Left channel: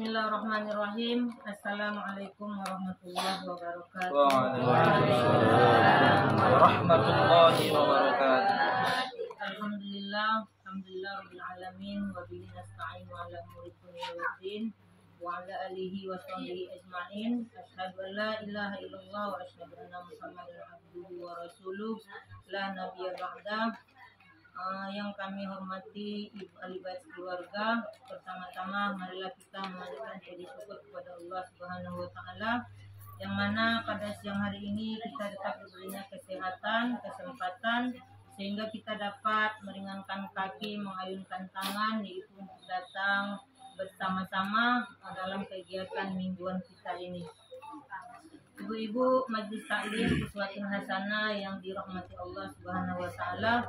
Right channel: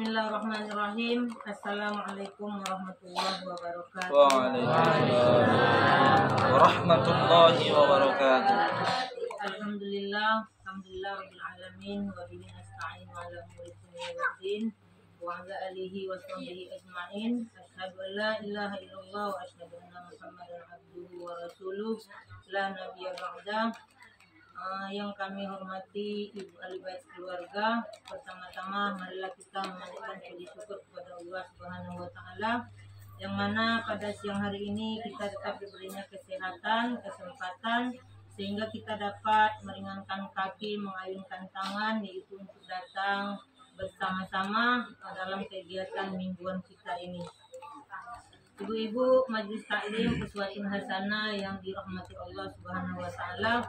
Bismillahirrahmanirrahim. Assalamualaikum warahmatullahi wabarakatuh. Waalaikumsalam warahmatullahi wabarakatuh. Alhamdulillah rabbil alamin wa bihi nasta'in wa ala umuri dunya waddin wa ala alihi wa sahbihi ajma'in. Asyhadu an la ilaha illallah wa asyhadu anna Muhammadan abduhu wa rasuluh la nabiyya ba'da. Yang kami hormati Ibu ahli bait keluarga, pertama-tama marilah kita memanjatkan puji syukur kepada Allah Subhanahu wa taala yang mana pada siang hari ini kita tetap diberinya kesehatan, kesempatan sehingga kita dapat meringankan kaki, mengayunkan tangan, yaitu untuk datang bersama-sama dalam kegiatan mingguan kita ini. Ibu-ibu Majelis Taklim Uswatun Hasanah yang dirahmati Allah Subhanahu wa taala,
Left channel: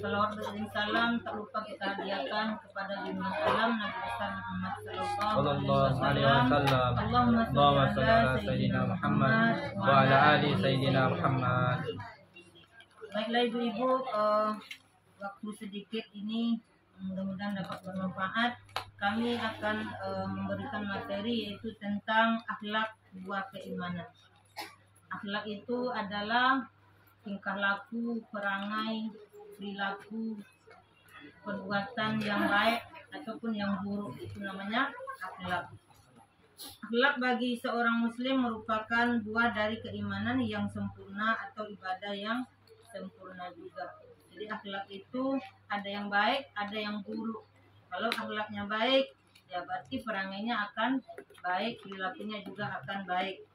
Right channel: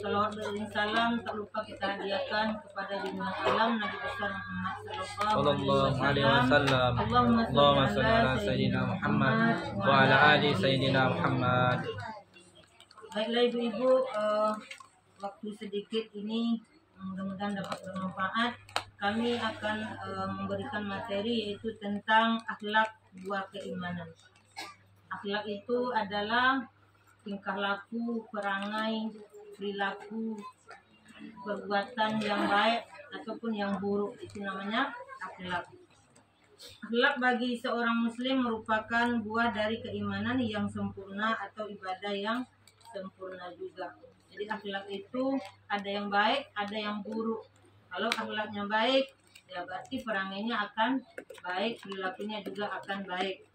salawat dan salam tak lupa kita hadiahkan kepada junjungan alam Nabi besar Muhammad sallallahu alaihi wasallam. Allahumma shalli ala sayyidina Muhammad wa ala ali sayyidina Muhammad. Baiklah ibu-ibu, waktu sedikit ini mudah-mudahan dapat bermanfaat. Kami akan memberikan materi yaitu tentang akhlak buah keimanan. Akhlak itu adalah tingkah laku, perangai, perilaku, perbuatan yang baik ataupun yang buruk, itu namanya akhlak. Akhlak bagi seorang muslim merupakan buah dari keimanan yang sempurna atau ibadah yang sempurna juga. Jadi akhlak itu ada yang baik, ada yang buruk. Kalau akhlaknya baik, ya berarti perangainya akan baik, perilakunya juga akan baik.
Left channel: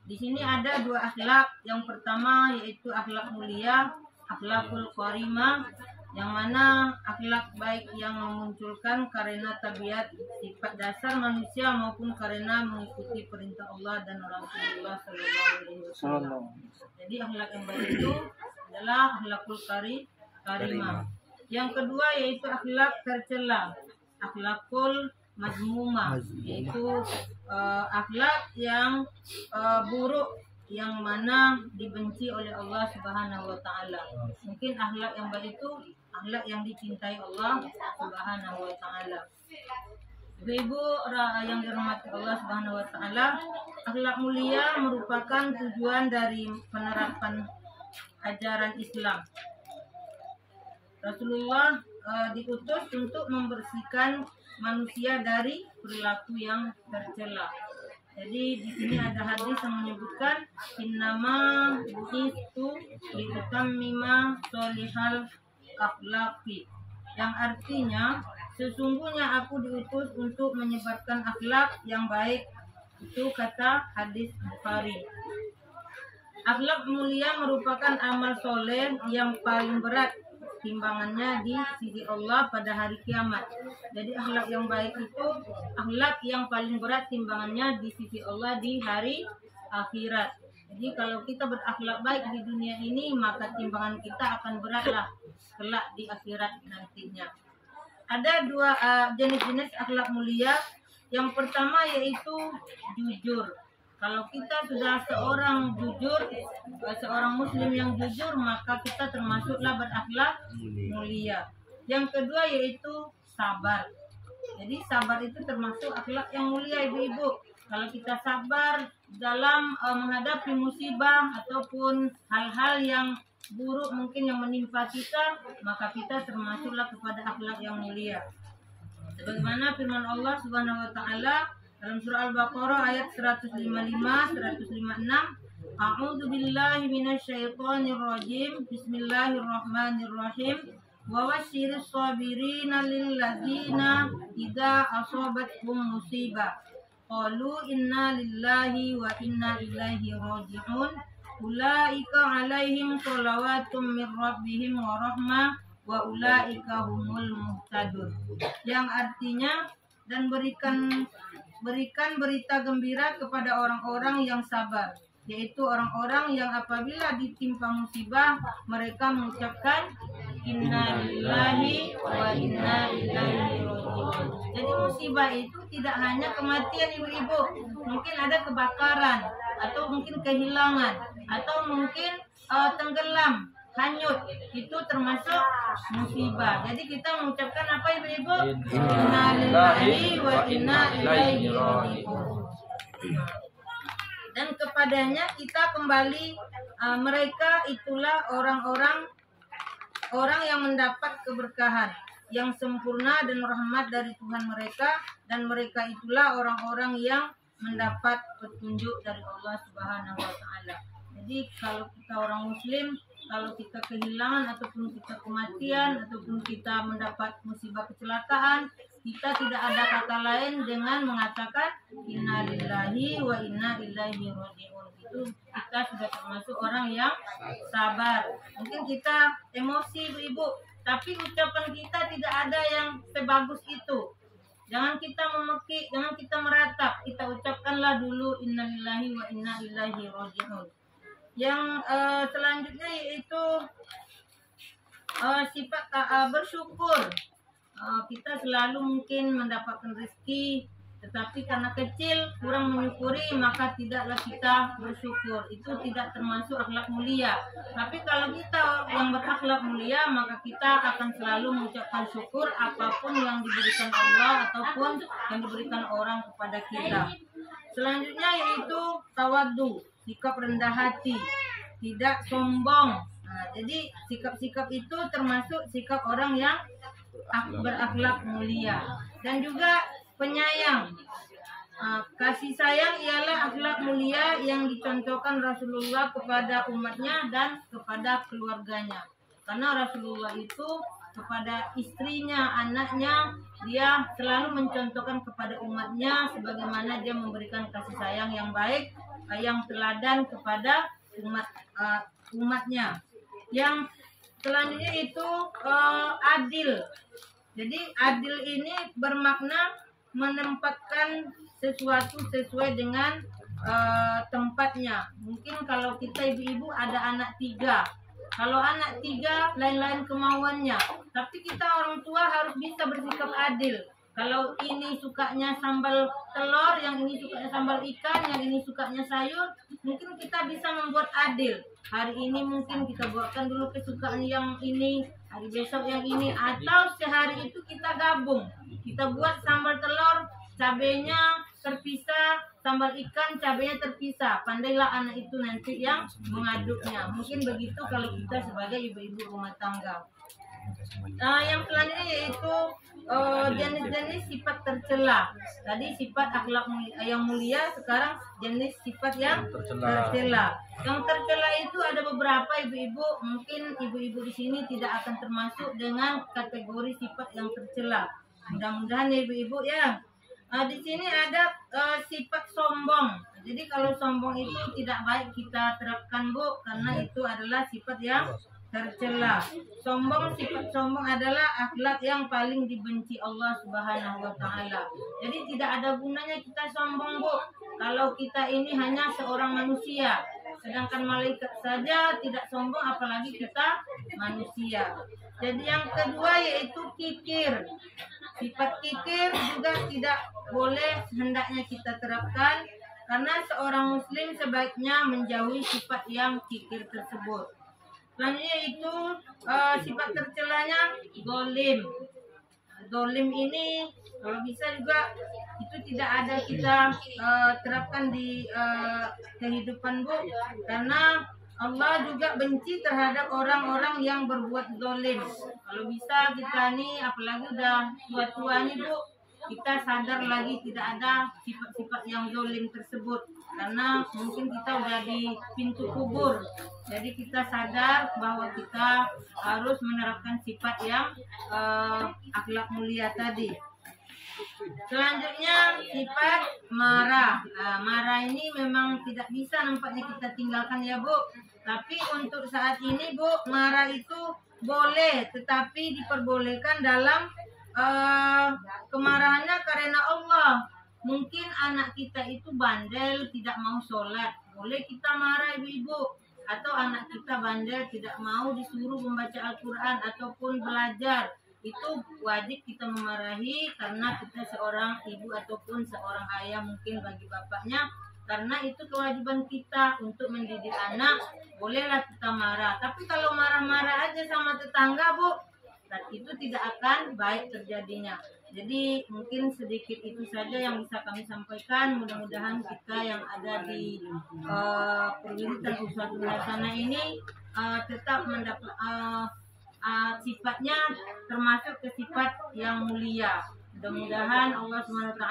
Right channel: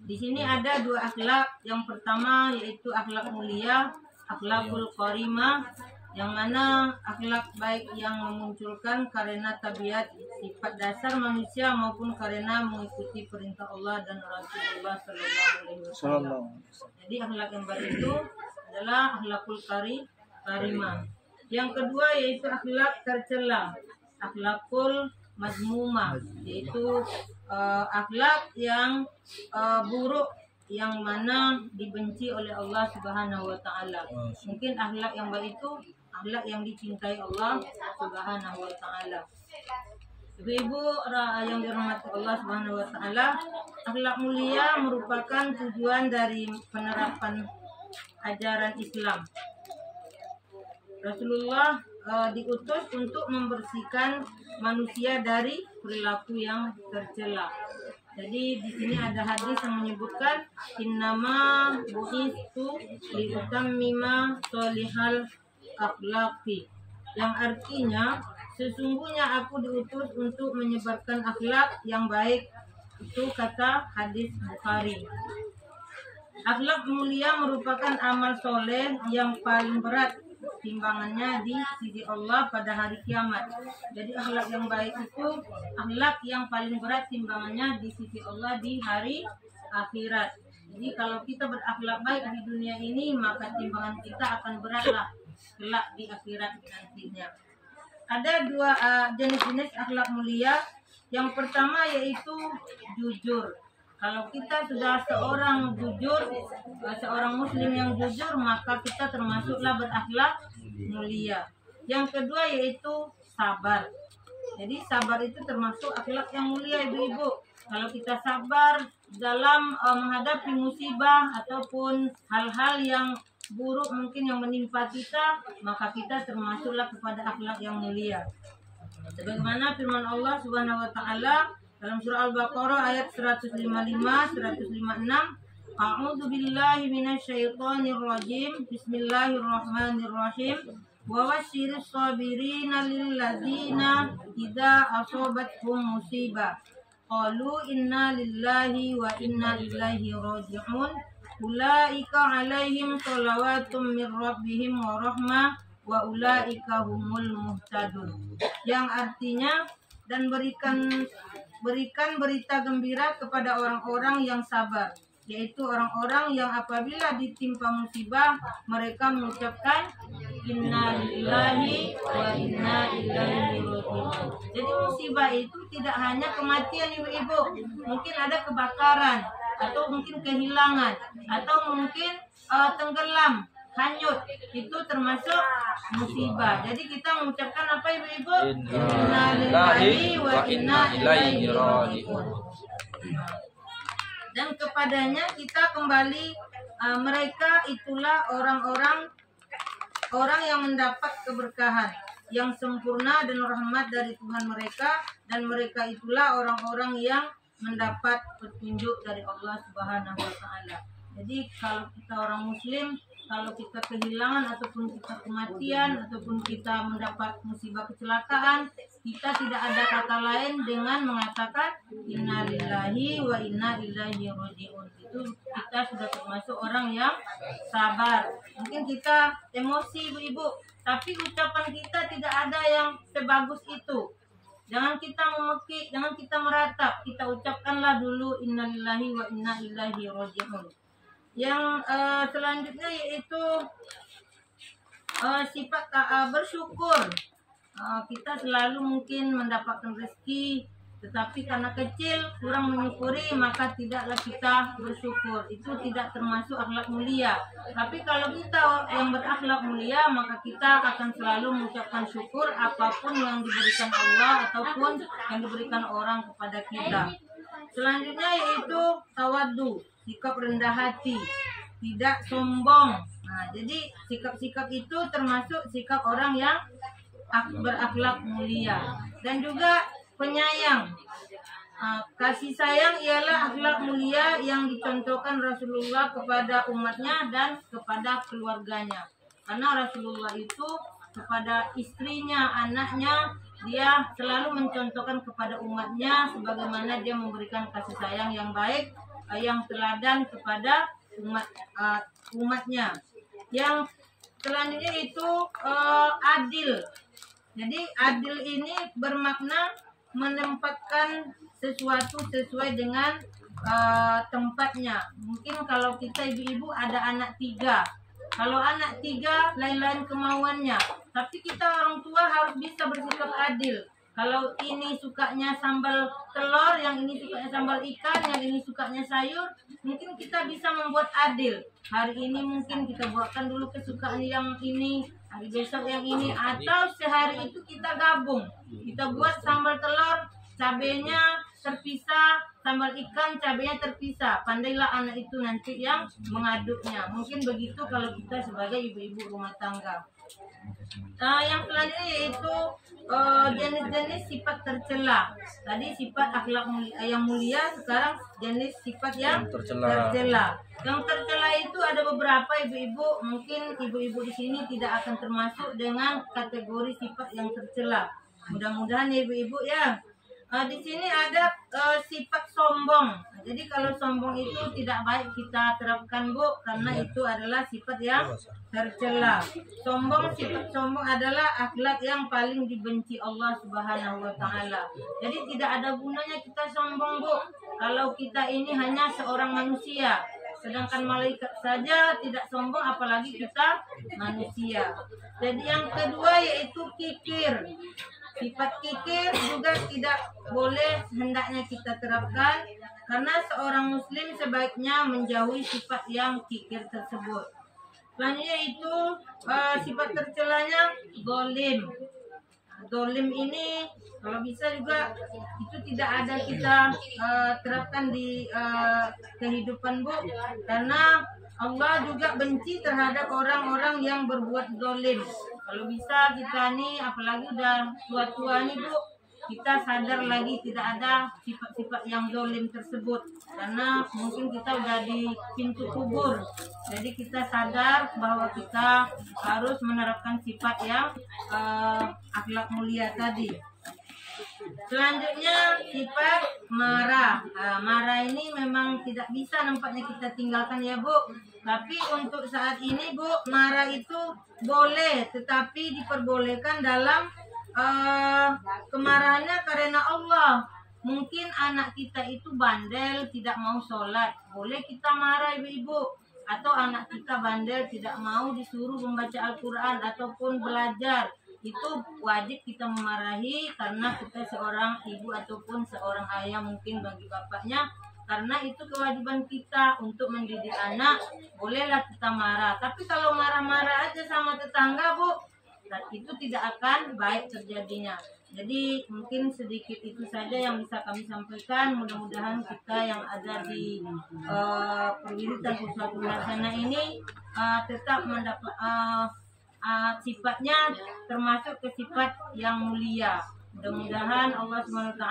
Di sini ada dua akhlak. Yang pertama yaitu akhlak mulia, akhlakul karimah, yang mana akhlak baik yang memunculkan karena tabiat sifat dasar manusia maupun karena mengikuti perintah Allah dan Rasulullah Sallallahu Alaihi Wasallam. Jadi akhlak yang baik itu adalah akhlakul karimah. Yang kedua yaitu akhlak tercela, akhlakul mazmumah, yaitu akhlak yang buruk yang mana dibenci oleh Allah Subhanahu wa taala. Mungkin akhlak yang baik itu akhlak yang dicintai Allah Subhanahu wa taala. Ibu-ibu yang dirahmati Allah Subhanahu wa taala, akhlak mulia merupakan tujuan dari penerapan ajaran Islam. Rasulullah diutus untuk membersihkan manusia dari perilaku yang tercela. Jadi di sini ada hadis yang menyebutkan innama bu'istu liutammima sholihal akhlaqi, yang artinya sesungguhnya aku diutus untuk menyebarkan akhlak yang baik. Itu kata hadis Bukhari. Akhlak mulia merupakan amal soleh yang paling berat timbangannya di sisi Allah pada hari kiamat. Jadi akhlak yang baik itu akhlak yang paling berat timbangannya di sisi Allah di hari akhirat. Jadi kalau kita berakhlak baik di dunia ini, maka timbangan kita akan beratlah kelak di akhirat nantinya. Ada dua jenis-jenis akhlak mulia. Yang pertama yaitu jujur. Kalau kita sudah seorang jujur, seorang muslim yang jujur, maka kita termasuklah berakhlak mulia. Yang kedua yaitu sabar. Jadi sabar itu termasuk akhlak yang mulia ibu-ibu. Kalau kita sabar dalam menghadapi musibah ataupun hal-hal yang buruk mungkin yang menimpa kita, maka kita termasuklah kepada akhlak yang mulia. Sebagaimana firman Allah Subhanahu wa taala dalam surah Al-Baqarah ayat 155 156, A'udzu billahi minasyaitonir rajim. Bismillahirrahmanirrahim. Wa wasyiris sabirina lilladzina idza asabathum musibah qalu inna lillahi wa inna ilaihi raji'un. Ulaika 'alaihim shalawatun mir rabbihim wa rahmah wa ulaika humul muhtadun. Yang artinya, dan berikan berita gembira kepada orang-orang yang sabar, yaitu orang-orang yang apabila ditimpa musibah mereka mengucapkan inna lillahi wa inna ilaihi raji'un. Jadi musibah itu tidak hanya kematian ibu-ibu, mungkin ada kebakaran atau mungkin kehilangan atau mungkin tenggelam hanyut, itu termasuk musibah. Jadi kita mengucapkan apa ibu-ibu? Inna Inna lillahi wa wa inna inna ilaihi ilaihi raji'un. Dan kepadanya kita kembali. Mereka itulah orang-orang yang mendapat keberkahan yang sempurna dan rahmat dari Tuhan mereka, dan mereka itulah orang-orang yang mendapat petunjuk dari Allah Subhanahu wa taala. Jadi kalau kita orang muslim, kalau kita kehilangan ataupun kita kematian ataupun kita mendapat musibah kecelakaan, kita tidak ada kata lain dengan mengatakan inna lillahi wa inna ilaihi raji'un. Itu kita sudah termasuk orang yang sabar. Mungkin kita emosi ibu-ibu, tapi ucapan kita tidak ada yang sebagus itu. Jangan kita memekik, jangan kita meratap. Kita ucapkanlah dulu innalillahi wa inna ilaihi raji'un. Yang selanjutnya yaitu sifat bersyukur. Kita selalu mungkin mendapatkan rezeki, tetapi karena kecil kurang menyukuri, maka tidaklah kita bersyukur. Itu tidak termasuk akhlak mulia. Tapi kalau kita yang berakhlak mulia, maka kita akan selalu mengucapkan syukur apapun yang diberikan Allah ataupun yang diberikan orang kepada kita. Selanjutnya yaitu tawaddu, sikap rendah hati, tidak sombong. Nah, jadi sikap-sikap itu termasuk sikap orang yang berakhlak mulia. Dan juga penyayang. Kasih sayang ialah akhlak mulia yang dicontohkan Rasulullah kepada umatnya dan kepada keluarganya. Karena Rasulullah itu kepada istrinya, anaknya, dia selalu mencontohkan kepada umatnya sebagaimana dia memberikan kasih sayang yang baik, yang teladan kepada umatnya. Yang selanjutnya itu adil. Jadi adil ini bermakna menempatkan sesuatu sesuai dengan tempatnya. Mungkin kalau kita ibu-ibu ada anak 3. Kalau anak 3 lain-lain kemauannya. Tapi kita orang tua harus bisa bersikap adil. Kalau ini sukanya sambal telur, yang ini sukanya sambal ikan, yang ini sukanya sayur, mungkin kita bisa membuat adil. Hari ini mungkin kita buatkan dulu kesukaan yang ini, hari besok yang ini, atau sehari itu kita gabung. Kita buat sambal telur, cabenya terpisah, sambal ikan, cabenya terpisah. Pandailah anak itu nanti yang mengaduknya. Mungkin begitu kalau kita sebagai ibu-ibu rumah tangga. Yang selanjutnya yaitu jenis-jenis sifat tercela. Tadi sifat akhlak yang mulia, sekarang jenis sifat yang tercela. Yang tercela itu ada beberapa ibu-ibu. Mungkin ibu-ibu di sini tidak akan termasuk dengan kategori sifat yang tercela. Mudah-mudahan ya ibu-ibu ya. Di sini ada sifat sombong. Jadi kalau sombong itu tidak baik kita terapkan Bu, karena itu adalah sifat yang tercela. Sifat sombong adalah akhlak yang paling dibenci Allah Subhanahu wa taala. Jadi tidak ada gunanya kita sombong Bu, kalau kita ini hanya seorang manusia. Sedangkan malaikat saja tidak sombong, apalagi kita manusia. Jadi yang kedua yaitu kikir. Sifat kikir juga tidak boleh hendaknya kita terapkan, karena seorang muslim sebaiknya menjauhi sifat yang kikir tersebut. Selanjutnya itu sifat tercelanya zalim. Zalim ini kalau bisa juga itu tidak ada kita terapkan di kehidupan Bu, karena Allah juga benci terhadap orang-orang yang berbuat zalim. Kalau bisa kita nih, apalagi udah tua-tua nih Bu, kita sadar lagi tidak ada sifat-sifat yang zalim tersebut, karena mungkin kita udah di pintu kubur. Jadi kita sadar bahwa kita harus menerapkan sifat yang akhlak mulia tadi. Selanjutnya sifat marah. Marah ini memang tidak bisa nampaknya kita tinggalkan ya Bu. Tapi untuk saat ini Bu, marah itu boleh, tetapi diperbolehkan dalam kemarahannya karena Allah. Mungkin anak kita itu bandel, tidak mau sholat, boleh kita marah ibu-ibu. Atau anak kita bandel, tidak mau disuruh membaca Al-Quran ataupun belajar, itu wajib kita memarahi, karena kita seorang ibu ataupun seorang ayah mungkin bagi bapaknya. karena itu kewajiban kita untuk mendidik anak. Bolehlah kita marah, tapi kalau marah-marah aja sama tetangga, Bu, dan itu tidak akan baik terjadinya. Jadi mungkin sedikit itu saja yang bisa kami sampaikan. Mudah-mudahan kita yang ada di perwiritan Uswatul Hasanah ini tetap mendapat sifatnya termasuk ke sifat yang mulia. Mudah-mudahan Allah SWT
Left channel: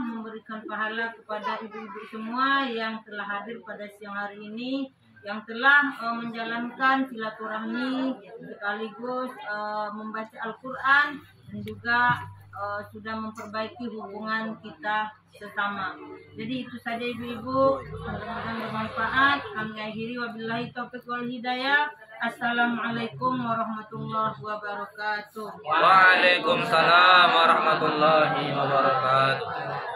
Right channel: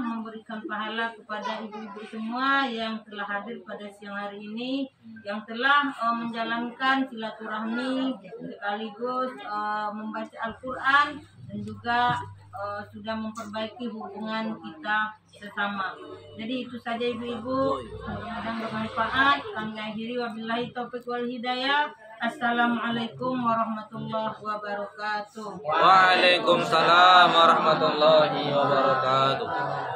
memberikan pahala kepada ibu-ibu semua yang telah hadir pada siang hari ini, yang telah menjalankan silaturahmi sekaligus membaca Al-Quran dan juga sudah memperbaiki hubungan kita sesama. Jadi itu saja ibu-ibu, mudah-mudahan bermanfaat. Kami akhiri wabillahi taufiq wal hidayah. Assalamualaikum warahmatullahi wabarakatuh. Waalaikumsalam warahmatullahi wabarakatuh.